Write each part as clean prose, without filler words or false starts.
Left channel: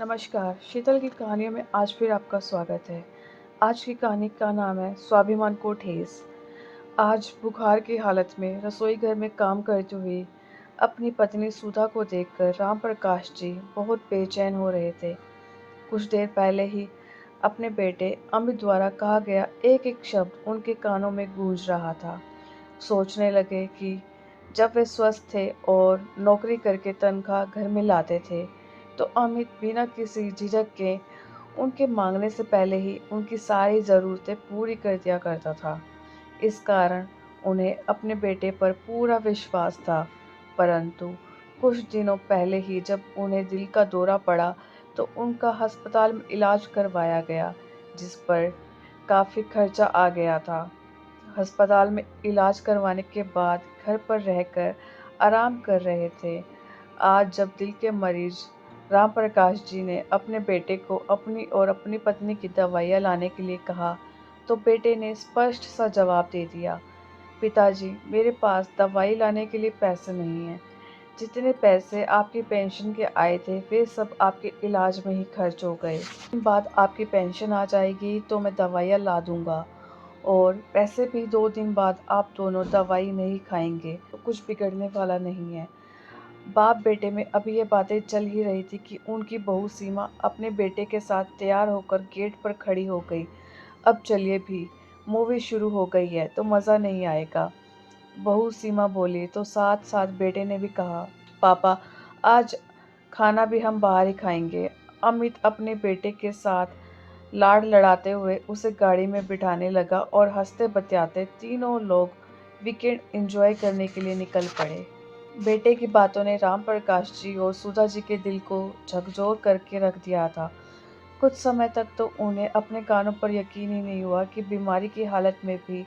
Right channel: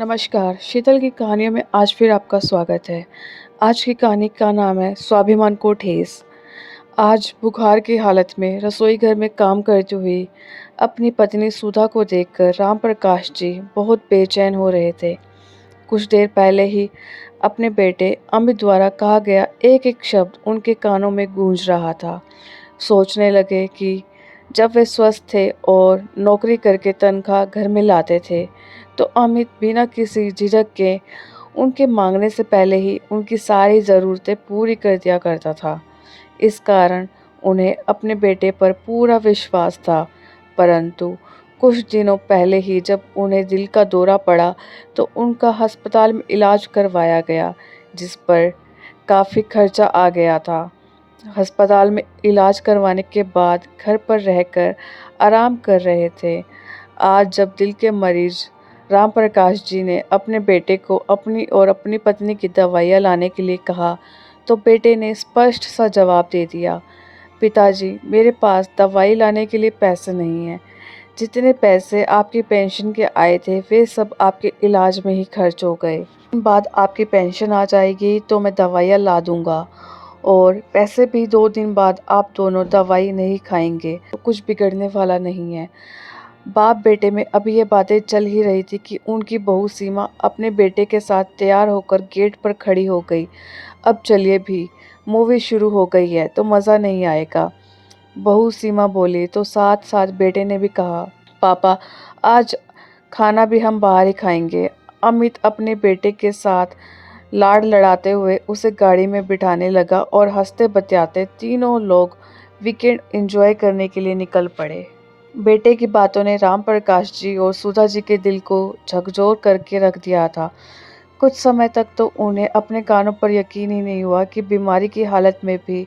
नमस्कार, शीतल की कहानियों में आज फिर आपका स्वागत है। आज की कहानी का नाम है स्वाभिमान को ठेस। आज बुखार की हालत में रसोई घर में काम करती हुई अपनी पत्नी सुधा को देखकर राम प्रकाश जी बहुत बेचैन हो रहे थे। कुछ देर पहले ही अपने बेटे अमित द्वारा कहा गया एक-एक शब्द उनके कानों में गूंज रहा था। सोचने लगे कि जब वे स्वस्थ थे और नौकरी करके तनख्वाह घर में लाते थे, तो अमित बिना किसी झिझक के उनके मांगने से पहले ही उनकी सारी ज़रूरतें पूरी कर दिया करता था। इस कारण उन्हें अपने बेटे पर पूरा विश्वास था। परंतु कुछ दिनों पहले ही जब उन्हें दिल का दौरा पड़ा, तो उनका अस्पताल में इलाज करवाया गया, जिस पर काफ़ी खर्चा आ गया था। अस्पताल में इलाज करवाने के बाद घर पर रहकर आराम कर रहे थे। आज जब दिल के मरीज राम प्रकाश जी ने अपने बेटे को अपनी और अपनी पत्नी की दवाइयाँ लाने के लिए कहा, तो बेटे ने स्पष्ट सा जवाब दे दिया, पिताजी, मेरे पास दवाई लाने के लिए पैसे नहीं हैं। जितने पैसे आपकी पेंशन के आए थे, वे सब आपके इलाज में ही खर्च हो गए। बाद आपकी पेंशन आ जाएगी तो मैं दवाइयाँ ला दूँगा, और पैसे भी 2 दिन बाद आप दोनों दवाई नहीं खाएँगे तो कुछ बिगड़ने वाला नहीं है। बाप बेटे में अभी ये बातें चल ही रही थी कि उनकी बहू सीमा अपने बेटे के साथ तैयार होकर गेट पर खड़ी हो गई। अब चलिए भी, मूवी शुरू हो गई है तो मज़ा नहीं आएगा। बहू सीमा बोली तो साथ-साथ बेटे ने भी कहा, पापा, आज खाना भी हम बाहर ही खाएँगे। अमित अपने बेटे के साथ लाड लड़ाते हुए उसे गाड़ी में बिठाने लगा और हँसते-बतियाते तीनों लोग वीकेंड एंजॉय करने के लिए निकल पड़े। बेटे की बातों ने राम प्रकाश जी और सुधा जी के दिल को झकझोर करके रख दिया था। कुछ समय तक तो उन्हें अपने कानों पर यकीन ही नहीं हुआ कि बीमारी की हालत में भी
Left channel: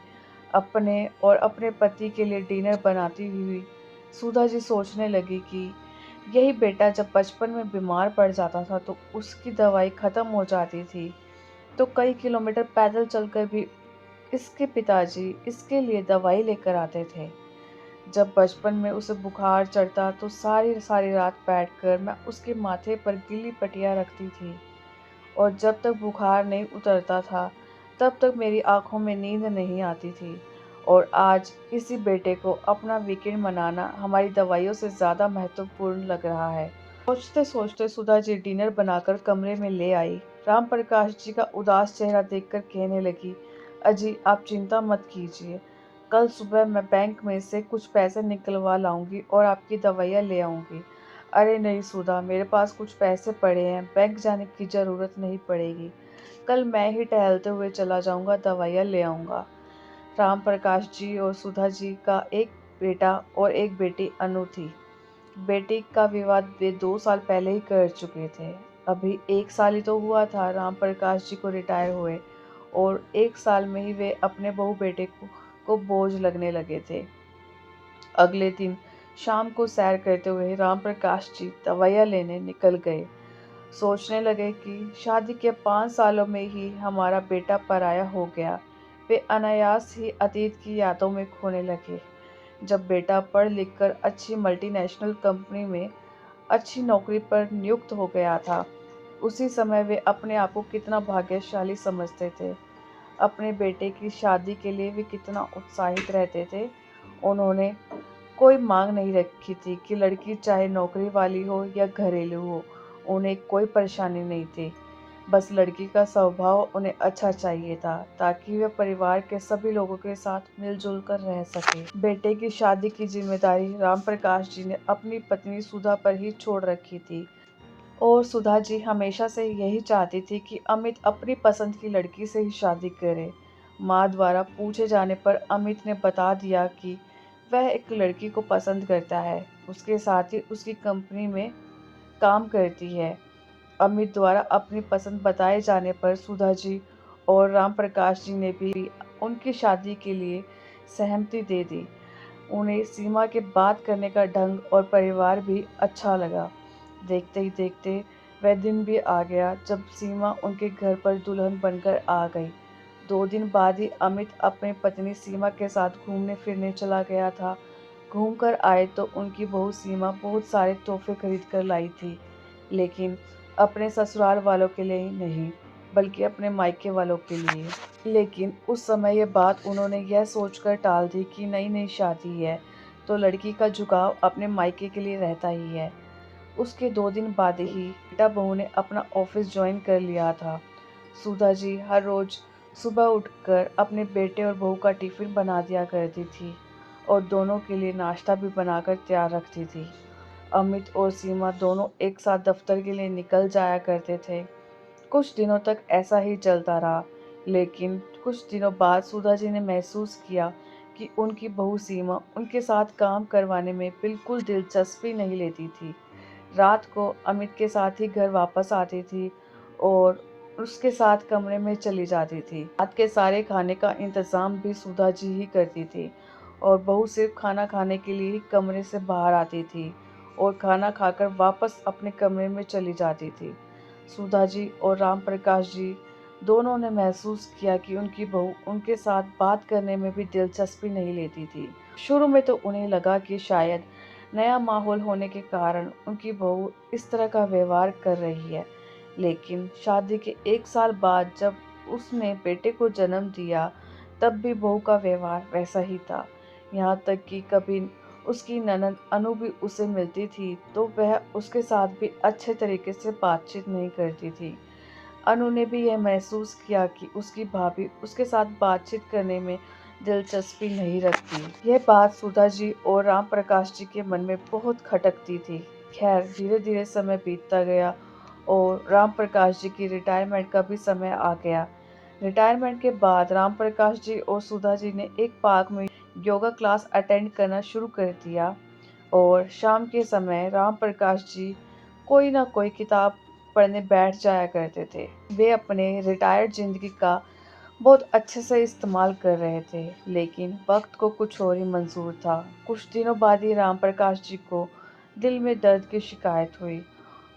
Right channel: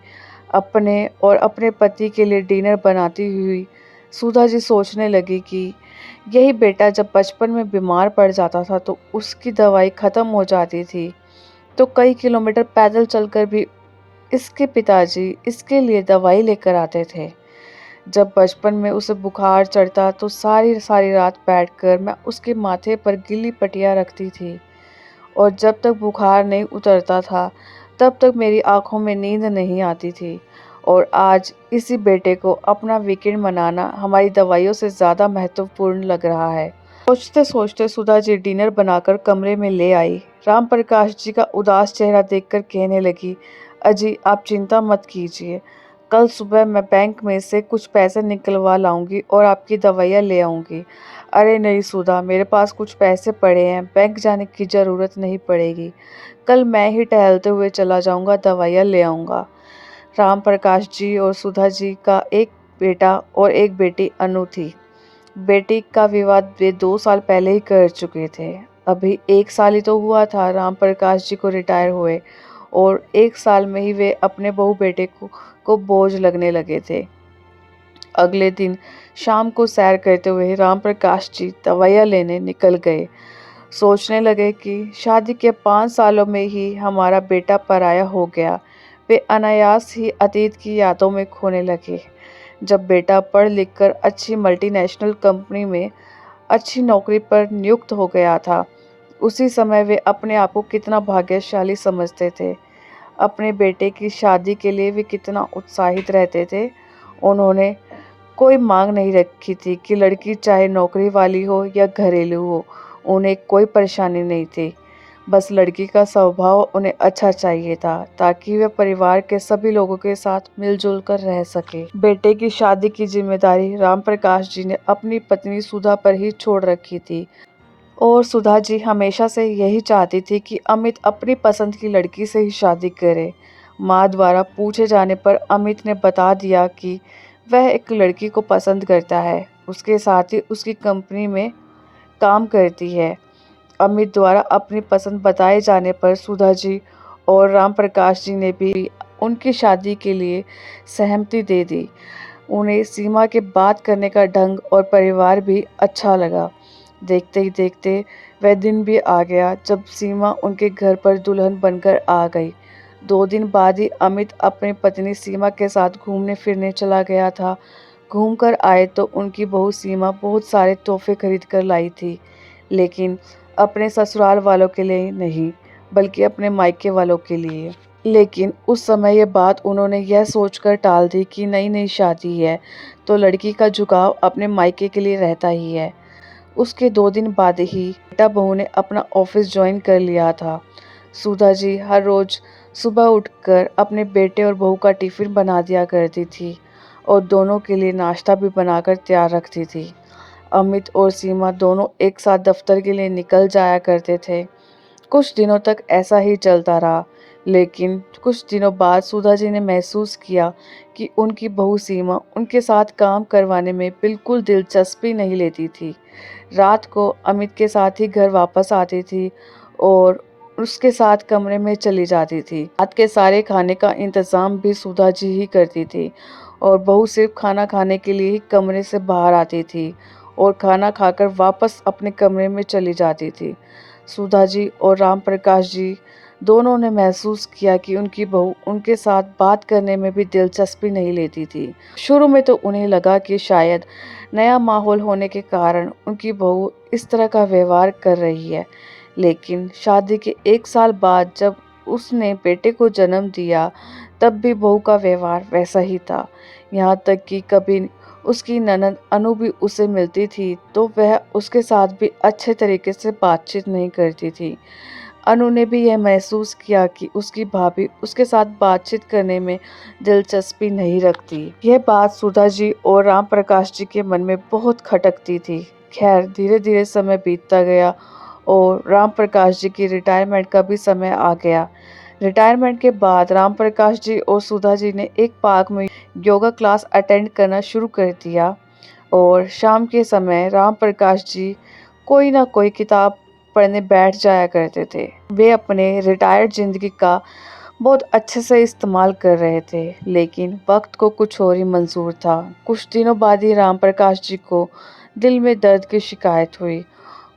अपने और अपने पति के लिए डिनर बनाती हुई सुधा जी सोचने लगी कि यही बेटा जब बचपन में बीमार पड़ जाता था तो उसकी दवाई ख़त्म हो जाती थी, तो कई किलोमीटर पैदल चलकर भी इसके पिताजी इसके लिए दवाई लेकर आते थे। जब बचपन में उसे बुखार चढ़ता तो सारी सारी रात बैठकर मैं उसके माथे पर गीली पट्टियाँ रखती थी, और जब तक बुखार नहीं उतरता था तब तक मेरी आंखों में नींद नहीं आती थी। और आज इसी बेटे को अपना वीकेंड मनाना हमारी दवाइयों से ज़्यादा महत्वपूर्ण लग रहा है। सोचते सोचते सुधा जी डिनर बनाकर कमरे में ले आई। राम प्रकाश जी का उदास चेहरा देखकर कहने लगी, अजी, आप चिंता मत कीजिए, कल सुबह मैं बैंक में से कुछ पैसे निकलवा लाऊंगी और आपकी दवाइयाँ ले आऊंगी। अरे नहीं सुधा, मेरे पास कुछ पैसे पड़े हैं, बैंक जाने की ज़रूरत नहीं पड़ेगी। कल मैं ही टहलते हुए चला जाऊंगा, दवाइयाँ ले आऊंगा। राम प्रकाश जी और सुधा जी का एक बेटा और एक बेटी अनु थी। बेटी का विवाह वे 2 साल पहले ही कर चुके थे। अभी 1 साल ही तो हुआ था राम प्रकाश जी को रिटायर हुए, और 1 साल में ही वे अपने बहू बेटे को बोझ लगने लगे थे। अगले दिन शाम को सैर करते हुए राम प्रकाश जी दवाइयाँ लेने निकल गए। सोचने लगे कि शादी के 5 सालों में ही हमारा बेटा पराया हो गया। वे अनायास ही अतीत की यादों में खोने लगे। जब बेटा पढ़ लिख कर अच्छी मल्टीनेशनल कंपनी में अच्छी नौकरी पर नियुक्त हो गया था, उसी समय वे अपने आप को कितना भाग्यशाली समझते थे। अपने बेटे की शादी के लिए वे कितना उत्साहित रहते थे। उन्होंने कोई मांग नहीं रखी थी कि लड़की चाहे नौकरी वाली हो या घरेलू हो, उन्हें कोई परेशानी नहीं थी। बस लड़की का स्वभाव उन्हें अच्छा चाहिए था, ताकि वे परिवार के सभी लोगों के साथ मिलजुल कर रह सके। बेटे की शादी की जिम्मेदारी राम प्रकाश जी ने अपनी पत्नी सुधा पर ही छोड़ रखी थी, और सुधा जी हमेशा से यही चाहती थी कि अमित अपनी पसंद की लड़की से ही शादी करे। माँ द्वारा पूछे जाने पर अमित ने बता दिया कि वह एक लड़की को पसंद करता है, उसके साथ ही उसकी कंपनी में काम करती है। अमित द्वारा अपनी पसंद बताए जाने पर सुधा जी और राम प्रकाश जी ने भी उनकी शादी के लिए सहमति दे दी। उन्हें सीमा के बात करने का ढंग और परिवार भी अच्छा लगा। देखते ही देखते वह दिन भी आ गया जब सीमा उनके घर पर दुल्हन बनकर आ गई। 2 दिन बाद ही अमित अपनी पत्नी सीमा के साथ घूमने फिरने चला गया था। घूमकर आए तो उनकी बहू सीमा बहुत सारे तोहफे खरीद कर लाई थी, लेकिन अपने ससुराल वालों के लिए नहीं, बल्कि अपने मायके वालों के लिए। लेकिन उस समय ये बात उन्होंने यह सोचकर टाल दी कि नई-नई शादी है, तो लड़की का झुकाव अपने मायके के लिए रहता ही है। उसके 2 दिन बाद ही बेटा बहू ने अपना ऑफिस ज्वाइन कर लिया था। सुधा जी हर रोज़ सुबह उठकर अपने बेटे और बहू का टिफ़िन बना दिया करती थी और दोनों के लिए नाश्ता भी बनाकर तैयार रखती थी। अमित और सीमा दोनों एक साथ दफ्तर के लिए निकल जाया करते थे। कुछ दिनों तक ऐसा ही चलता रहा, लेकिन कुछ दिनों बाद सुधा जी ने महसूस किया कि उनकी बहू सीमा उनके साथ काम करवाने में बिल्कुल दिलचस्पी नहीं लेती थी। रात को अमित के साथ ही घर वापस आती थी और उसके साथ कमरे में चली जाती थी। रात के सारे खाने का इंतज़ाम भी सुधा जी ही करती थी और बहू सिर्फ खाना खाने के लिए ही कमरे से बाहर आती थी और खाना खाकर वापस अपने कमरे में चली जाती थी। सुधा जी और राम प्रकाश जी दोनों ने महसूस किया कि उनकी बहू उनके साथ बात करने में भी दिलचस्पी नहीं लेती थी। शुरू में तो उन्हें लगा कि शायद नया माहौल होने के कारण उनकी बहू इस तरह का व्यवहार कर रही है, लेकिन शादी के 1 साल बाद जब उसने बेटे को जन्म दिया, तब भी बहू का व्यवहार वैसा ही था। यहाँ तक कि कभी उसकी ननद अनु भी उसे मिलती थी तो वह उसके साथ भी अच्छे तरीके से बातचीत नहीं करती थी। अनु ने भी यह महसूस किया कि उसकी भाभी उसके साथ बातचीत करने में दिलचस्पी नहीं रखती। यह बात सुधा जी और राम प्रकाश जी के मन में बहुत खटकती थी। खैर धीरे-धीरे समय बीतता गया और राम प्रकाश जी की रिटायरमेंट का भी समय आ गया। रिटायरमेंट के बाद राम प्रकाश जी और सुधा जी ने एक पार्क में योगा क्लास अटेंड करना शुरू कर दिया और शाम के समय राम प्रकाश जी कोई ना कोई किताब पढ़ने बैठ जाया करते थे। वे अपने रिटायर्ड ज़िंदगी का बहुत अच्छे से इस्तेमाल कर रहे थे, लेकिन वक्त को कुछ और ही मंजूर था। कुछ दिनों बाद ही राम प्रकाश जी को दिल में दर्द की शिकायत हुई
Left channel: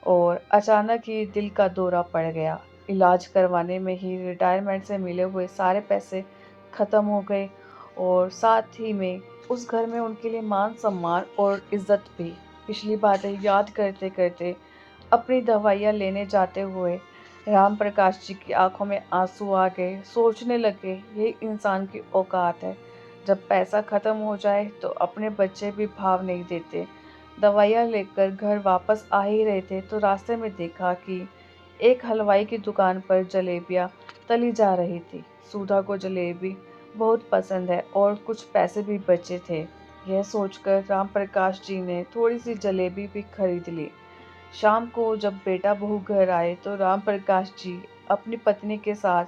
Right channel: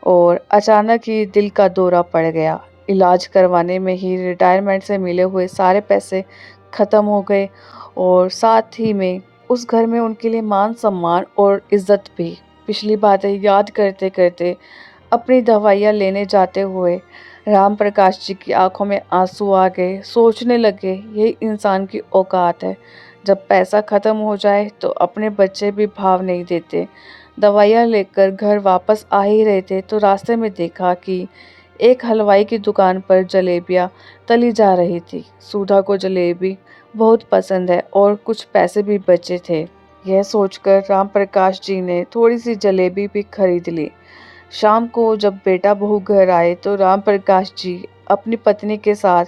और अचानक ही दिल का दौरा पड़ गया। इलाज करवाने में ही रिटायरमेंट से मिले हुए सारे पैसे ख़त्म हो गए और साथ ही में उस घर में उनके लिए मान सम्मान और इज्जत भी। पिछली बातें याद करते करते अपनी दवाइयाँ लेने जाते हुए राम प्रकाश जी की आंखों में आंसू आ गए। सोचने लगे यही इंसान की औकात है, जब पैसा ख़त्म हो जाए तो अपने बच्चे भी भाव नहीं देते। दवाइयाँ लेकर घर वापस आ ही रहे थे तो रास्ते में देखा कि एक हलवाई की दुकान पर जलेबियाँ तली जा रही थी। सुधा को जलेबी बहुत पसंद है और कुछ पैसे भी बचे थे। यह सोचकर राम प्रकाश जी ने थोड़ी सी जलेबी भी खरीद ली। शाम को जब बेटा बहू घर आए तो राम प्रकाश जी अपनी पत्नी के साथ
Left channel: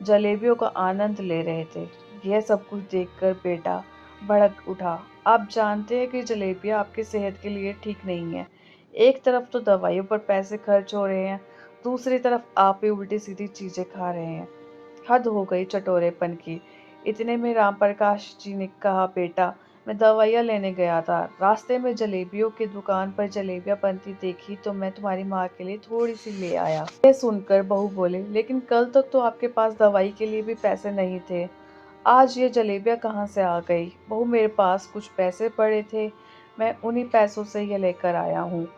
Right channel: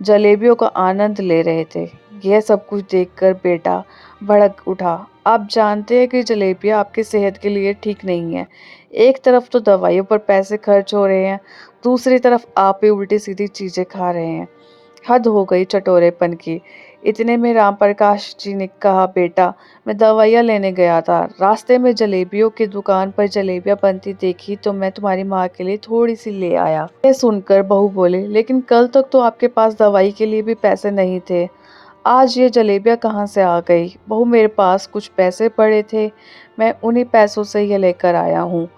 जलेबियों का आनंद ले रहे थे। यह सब कुछ देखकर बेटा भड़क उठा। आप जानते हैं कि जलेबियाँ आपकी सेहत के लिए ठीक नहीं है। एक तरफ तो दवाइयों पर पैसे खर्च हो रहे हैं, दूसरी तरफ आप ही उल्टी सीधी चीज़ें खा रहे हैं। हद हो गई चटोरेपन की। इतने में राम प्रकाश जी ने कहा, बेटा मैं दवाइयाँ लेने गया था, रास्ते में जलेबियों की दुकान पर जलेबियाँ बनती देखी तो मैं तुम्हारी माँ के लिए थोड़ी सी ले आया। ये सुनकर बहू बोले, लेकिन कल तक तो आपके पास दवाई के लिए भी पैसे नहीं थे, आज ये जलेबियाँ कहाँ से आ गई? बहू मेरे पास कुछ पैसे पड़े थे, मैं उन्हीं पैसों से ये लेकर आया हूँ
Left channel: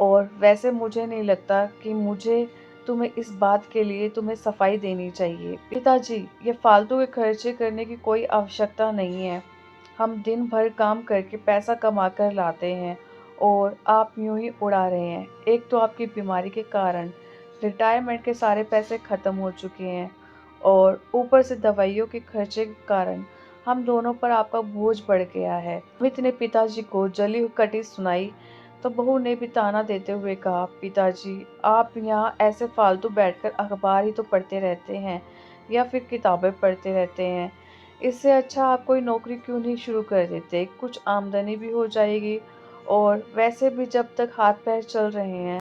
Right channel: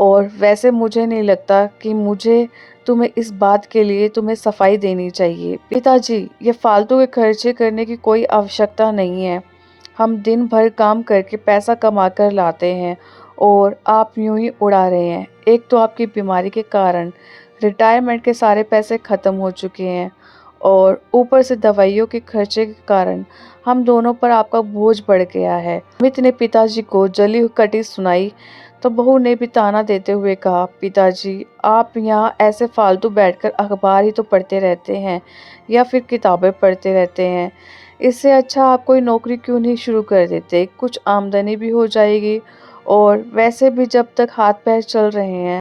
और वैसे मुझे नहीं लगता कि मुझे तुम्हें इस बात के लिए तुम्हें सफाई देनी चाहिए। पिताजी ये फालतू के खर्चे करने की कोई आवश्यकता नहीं है। हम दिन भर काम करके पैसा कमा कर लाते हैं और आप यूं ही उड़ा रहे हैं। एक तो आपकी बीमारी के कारण रिटायरमेंट के सारे पैसे ख़त्म हो चुके हैं और ऊपर से दवाइयों के खर्चे के कारण हम दोनों पर आपका बोझ बढ़ गया है। अमित ने पिताजी को जली हुई कटी सुनाई तो बहू ने भी ताना देते हुए कहा, पिताजी आप यहाँ ऐसे फालतू बैठकर अखबार ही तो पढ़ते रहते हैं या फिर किताबें पढ़ते रहते हैं। इससे अच्छा आप कोई नौकरी क्यों नहीं शुरू कर देते, कुछ आमदनी भी हो जाएगी और वैसे भी जब तक हाथ पैर चल रहे हैं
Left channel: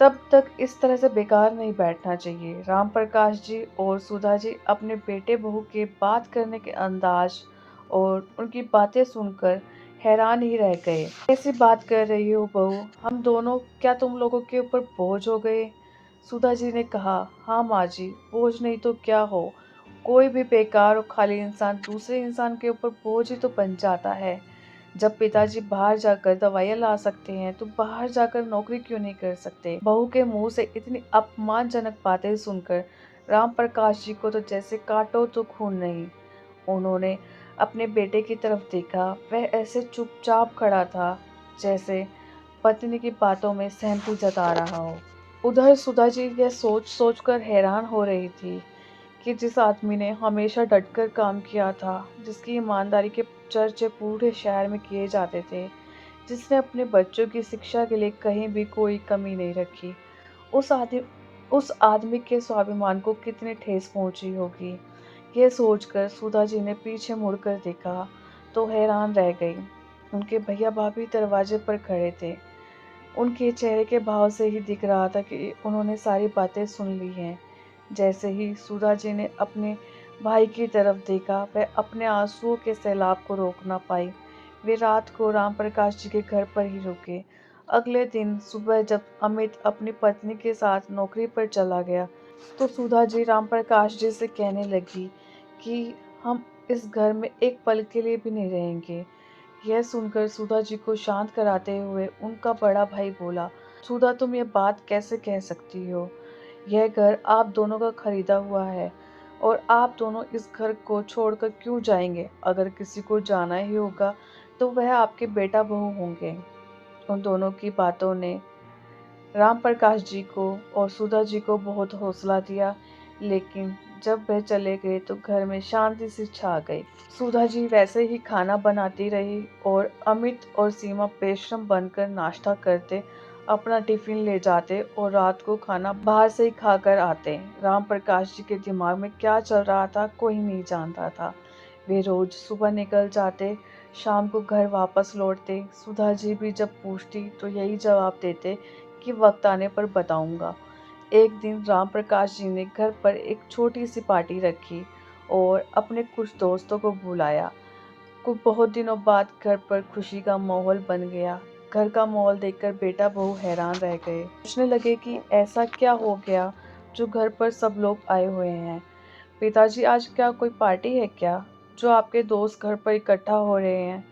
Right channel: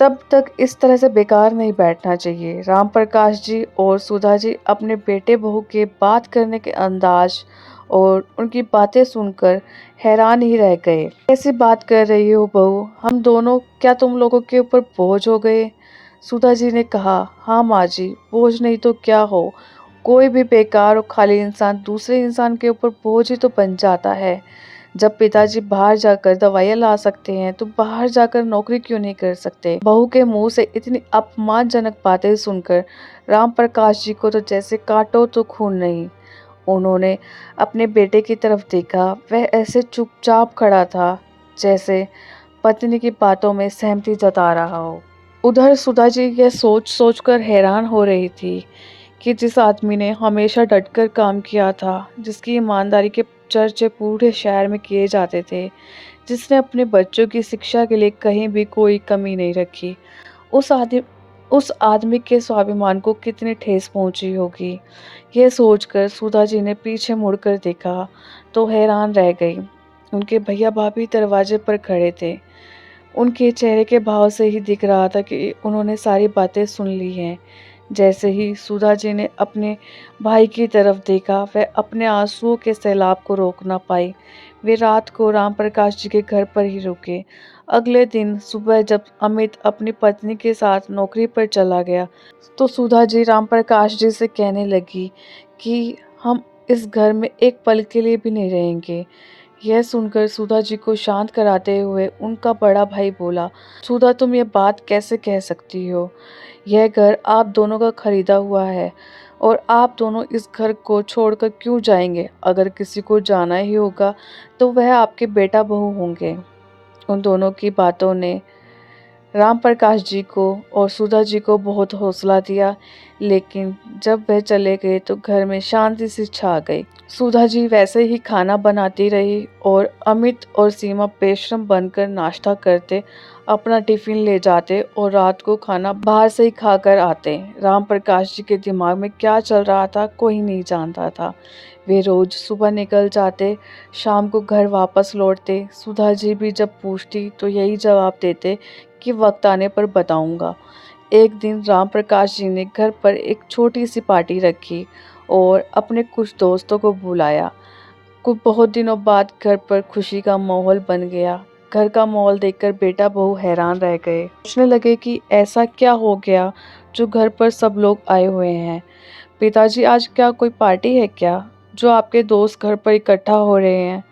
तब तक इस तरह से बेकार नहीं बैठना चाहिए। राम प्रकाश जी और सुधा जी अपने बेटे बहू के बात करने के अंदाज और उनकी बातें सुनकर हैरान ही रह गए। कैसी बात कर रही हो बहू, हम दोनों क्या तुम लोगों के ऊपर बोझ हो गए? सुधा जी ने कहा, हाँ माँ जी, बोझ नहीं तो क्या हो, कोई भी बेकार और खाली इंसान दूसरे इंसान के ऊपर बोझ ही तो बन जाता है। जब पिताजी बाहर जाकर दवाइयाँ ला सकते हैं तो बाहर जाकर नौकरी क्यों नहीं कर सकते। बहू के मुंह से इतनी अपमानजनक बातें सुनकर राम प्रकाश जी को तो जैसे काटो तो खून नहीं। उन्होंने अपने बेटे की तरफ देखा, वह ऐसे चुपचाप खड़ा था जैसे पत्नी की बातों में सहमति जता रहा हो। उधर सुधा जी यह सोच सोच कर हैरान हो रही थी कि जिस आदमी ने हमेशा डटकर काम किया था, जिसकी ईमानदारी के चर्चे पूरे शहर में किए जाते थे, जिसने अपने बच्चों की शिक्षा के लिए कहीं भी कोई कमी नहीं रखी, उस आदि उस आदमी के स्वाभिमान को कितनी ठेस पहुंची होगी। यह सोचकर सुधा जी ने पीछे मुड़कर देखा तो हैरान रह गई। उनके भैया भाभी दरवाजे पर खड़े थे। उनके चेहरे के भाव से ही दिख रहा था कि उन्होंने सारी बातें सुन ली हैं। जैसे ही सुधा जी ने अपने भाई की तरफ देखा, वह अपने आंसुओं के सैलाब को रोक ना पाई। वे रात को राम प्रकाश जी के घर पर ही रुके। अगले दिन सुबह जब अमित अपनी पत्नी के साथ नौकरी पर चला गया, तो सुधा जी राम प्रकाश जी से कहने लगी कि हम इस घर में एक पल के लिए भी नहीं रहेंगे। यह सुनकर सुधा जी को शांत कराते हुए उनका बड़ा भाई बोला, सुधा तुम ये बात कैसे कह सकती हो? यह घर आप दोनों का खरीदा हुआ है और आप दोनों इस घर को छोड़कर क्यों जाएंगे? अगर किसी को जाना ही होगा तो वह आपके बेटा बहू होंगे। उन दोनों की बातों ने राम प्रकाश जी को और सुधा जी को बहुत हौसला दिया, लेकिन जब वह चले गए तो घर में शांति सी छा गई। सुधा जी वैसे ही खाना बनाती रही और अमित और सीमा बेशर्म बनकर नाश्ता करते, अपना टिफिन ले जाते और रात को खाना बाहर से ही खाकर आते। राम प्रकाश जी के दिमाग में क्या चल रहा था कोई नहीं जानता था। वे रोज सुबह निकल जाते, शाम को घर वापस लौटते। सुधा जी भी जब पूछती तो यही जवाब देते कि वक्त आने पर बताऊंगा। एक दिन राम प्रकाश जी ने घर पर एक छोटी सी पार्टी रखी और अपने कुछ दोस्तों को बुलाया। कुछ बहुत दिनों बाद घर पर खुशी का माहौल बन गया। घर का माहौल देखकर बेटा बहू हैरान रह गए। सोचने लगे कि ऐसा क्या हो गया जो घर पर सब लोग आए हुए हैं। पिताजी आज क्या कोई पार्टी है क्या, जो आपके दोस्त घर पर इकट्ठा हो रहे हैं?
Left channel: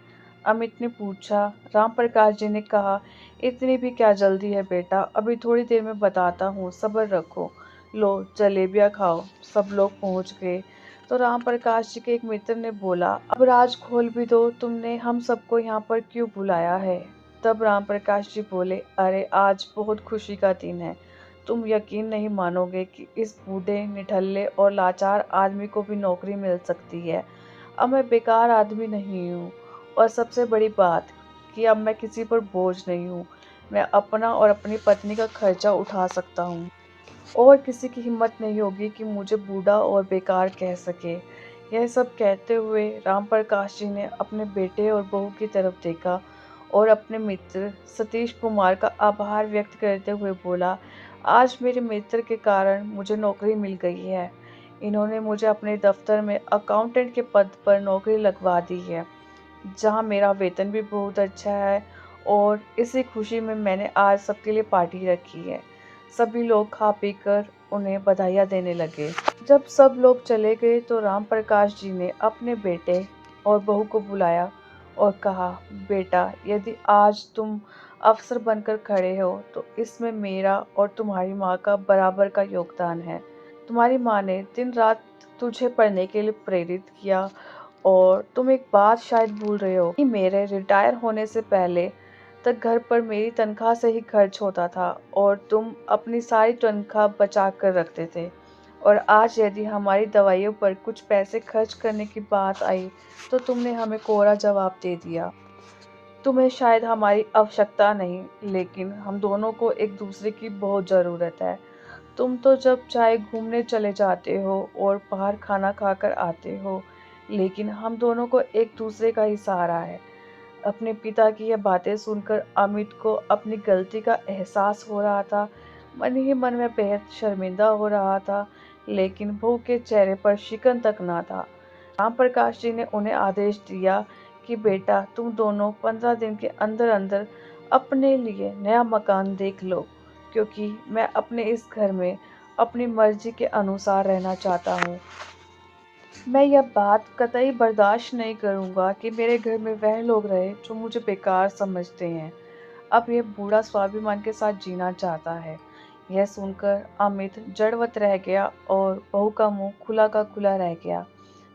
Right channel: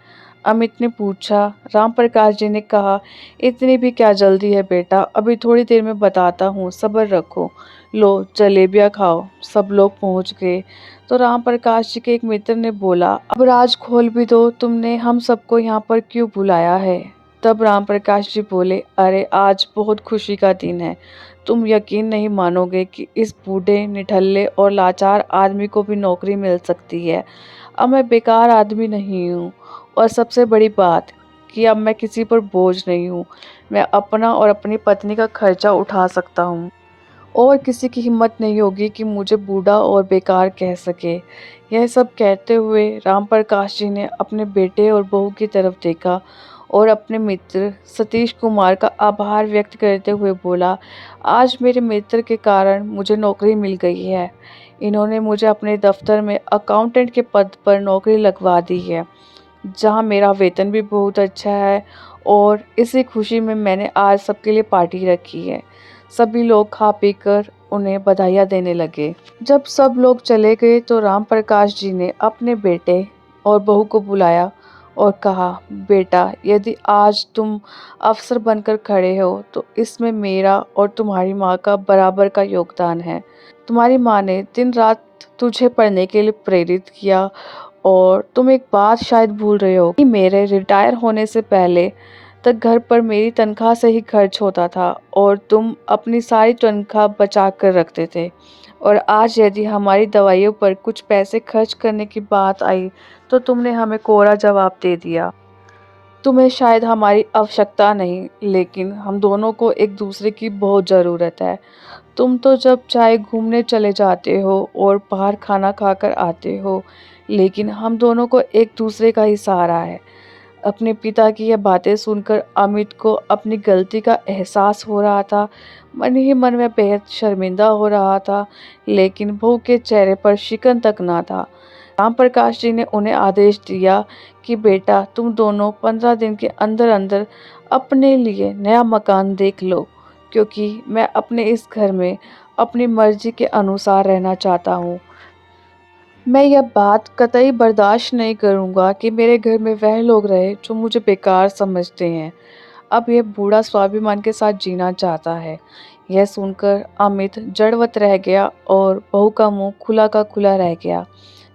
अमित ने पूछा। राम प्रकाश जी ने कहा, इतनी भी क्या जल्दी है बेटा, अभी थोड़ी देर में बताता हूँ, सब्र रखो। लो जलेबियाँ खाओ। सब लोग पहुँच गए तो राम प्रकाश जी के एक मित्र ने बोला, अब राज खोल भी दो, तुमने हम सबको यहाँ पर क्यों बुलाया है? तब राम प्रकाश जी बोले, अरे आज बहुत खुशी का दिन है। तुम यकीन नहीं मानोगे कि इस बूढ़े निठल्ले और लाचार आदमी को भी नौकरी मिल सकती है। अब मैं बेकार आदमी नहीं हूँ और सबसे बड़ी बात कि अब मैं किसी पर बोझ नहीं हूँ। मैं अपना और अपनी पत्नी का खर्चा उठा सकता हूँ और किसी की हिम्मत नहीं होगी कि मुझे बूढ़ा और बेकार कह सके। यह सब कहते हुए राम प्रकाश जी ने अपने बेटे और बहू की तरफ देखा और अपने मित्र सतीश कुमार का आभार व्यक्त करते हुए बोला, आज मेरे मित्र के कारण मुझे नौकरी मिल गई है। इन्होंने मुझे अपने दफ्तर में अकाउंटेंट के पद पर नौकरी लगवा दी है, जहाँ मेरा वेतन भी बहुत अच्छा है और इसी खुशी में मैंने आज सबके लिए पार्टी रखी है। सभी लोग खा पीकर उन्हें बधाइयाँ देने लगे। जब सब लोग चले गए तो राम प्रकाश जी ने अपने बेटे और बहू को बुलाया और कहा, बेटा यदि आज तुम अफसर बनकर खड़े हो तो इसमें मेरा और तुम्हारी माँ का बराबर का योगदान है। तुम्हारी माँ ने दिन रात तुझे पढ़ने के लिए प्रेरित किया और तुम एक बात शायद भूल रहे हो कि मेरे रिटायर होने से पहले तक घर पर मेरी तनख्वाह से ही खर्च होता था और तुम अपनी सारी तनख्वाह बचा कर रखते थे। और आज यदि हमारी दवाइयों पर कुछ पैसे खर्च करने की बात आई तो तुमने हमें कोरा जवाब दे दिया। तुम्हें शायद हमारी आवश्यकता नहीं, लेकिन हम दोनों को एक दूसरे की बहुत ज़रूरत है। तुम तो जब चाहे घूमने चले जाते हो और बाहर खाना खाकर आते हो, लेकिन हम दोनों को एक दूसरे का ही सहारा है। अपने पिता की यह बातें सुनकर अमित को अपनी गलती का एहसास हो रहा था। मन ही मन में बेहद शर्मिंदा हो रहा था, लेकिन बहू के चेहरे पर शिकन तक ना था। राम प्रकाश जी ने उन्हें आदेश दिया कि बेटा तुम दोनों 15 दिन के अंदर अंदर अपने लिए नया मकान देख लो, क्योंकि मैं अपने इस घर में अपनी मर्जी के अनुसार रहना चाहता हूँ। मैं यह बात कतई बर्दाश्त नहीं करूँगा कि मेरे घर में वह लोग रहे जो मुझे बेकार समझते हैं। अब यह बूढ़ा स्वाभिमान के साथ जीना चाहता है। यह सुनकर अमित जड़वत रह गया और बहू का मुंह खुला का खुला रह गया।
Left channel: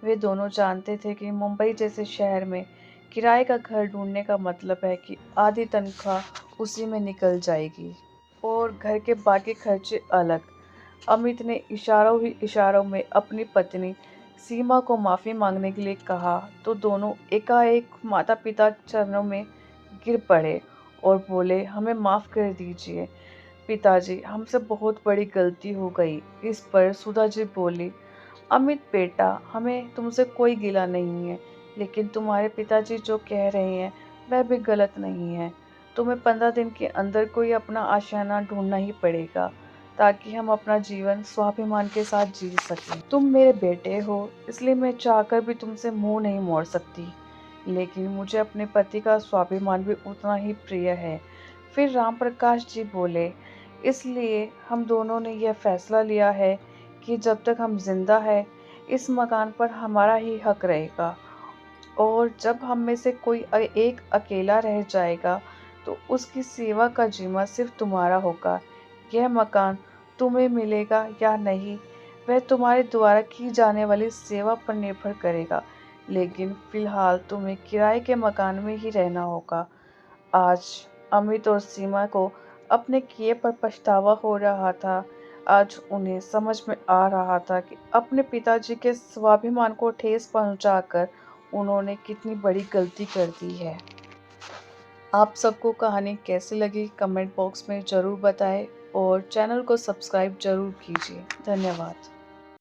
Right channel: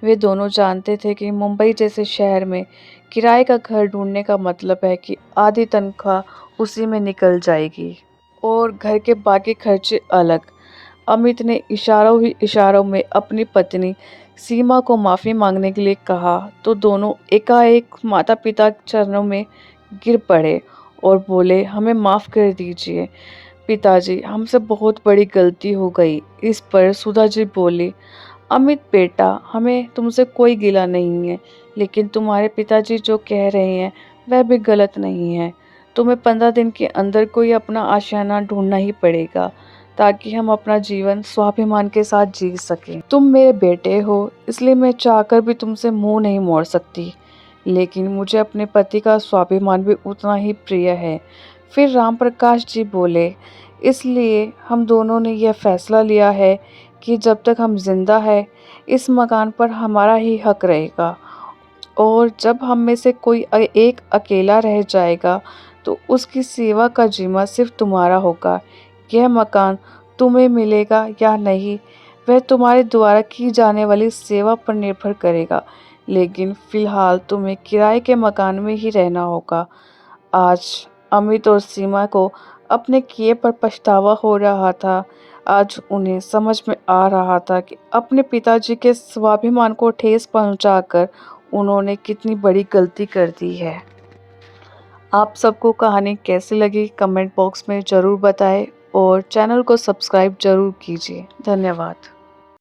वे दोनों जानते थे कि मुंबई जैसे शहर में किराए का घर ढूंढने का मतलब है कि आधी तनख्वाह उसी में निकल जाएगी और घर के बाकी खर्चे अलग। अमित ने इशारों ही इशारों में अपनी पत्नी सीमा को माफ़ी मांगने के लिए कहा तो दोनों एकाएक माता पिता के चरणों में गिर पड़े और बोले, हमें माफ़ कर दीजिए पिताजी, हमसे बहुत बड़ी गलती हो गई। इस पर सुधा जी बोली, अमित बेटा, हमें तुमसे कोई गिला नहीं है, लेकिन तुम्हारे पिताजी जो कह रहे हैं वह भी गलत नहीं है। तुम्हें 15 दिन के अंदर कोई अपना आशियाना ढूंढना ही पड़ेगा ताकि हम अपना जीवन स्वाभिमान के साथ जी सकें। तुम मेरे बेटे हो, इसलिए मैं चाहकर भी तुमसे मुंह नहीं मोड़ सकती, लेकिन मुझे अपने पति का स्वाभिमान भी उतना ही प्रिय है। फिर राम प्रकाश जी बोले, इसलिए हम दोनों ने यह फैसला लिया है कि जब तक हम जिंदा है इस मकान पर हमारा ही हक रहेगा और जब हम में से कोई एक अकेला रह जाएगा तो उसकी सेवा का जिम्मा सिर्फ तुम्हारा होगा। यह मकान तुम्हें मिलेगा या नहीं वह तुम्हारे द्वारा की जाने वाली सेवा पर निर्भर करेगा, लेकिन फिलहाल तुम्हें किराए के मकान में ही रहना होगा। आज अमित और सीमा को अपने किए पर पछतावा हो रहा था। आज उन्हें समझ में आ रहा था कि अपने पिताजी के स्वाभिमान को ठेस पहुंचाकर उन्होंने कितनी बड़ी गलती कर दी है। आप सबको कहानी कैसी लगी कमेंट बॉक्स में ज़रूर बताएं और चैनल को सब्सक्राइब ज़रूर कीजिए। धन्यवाद।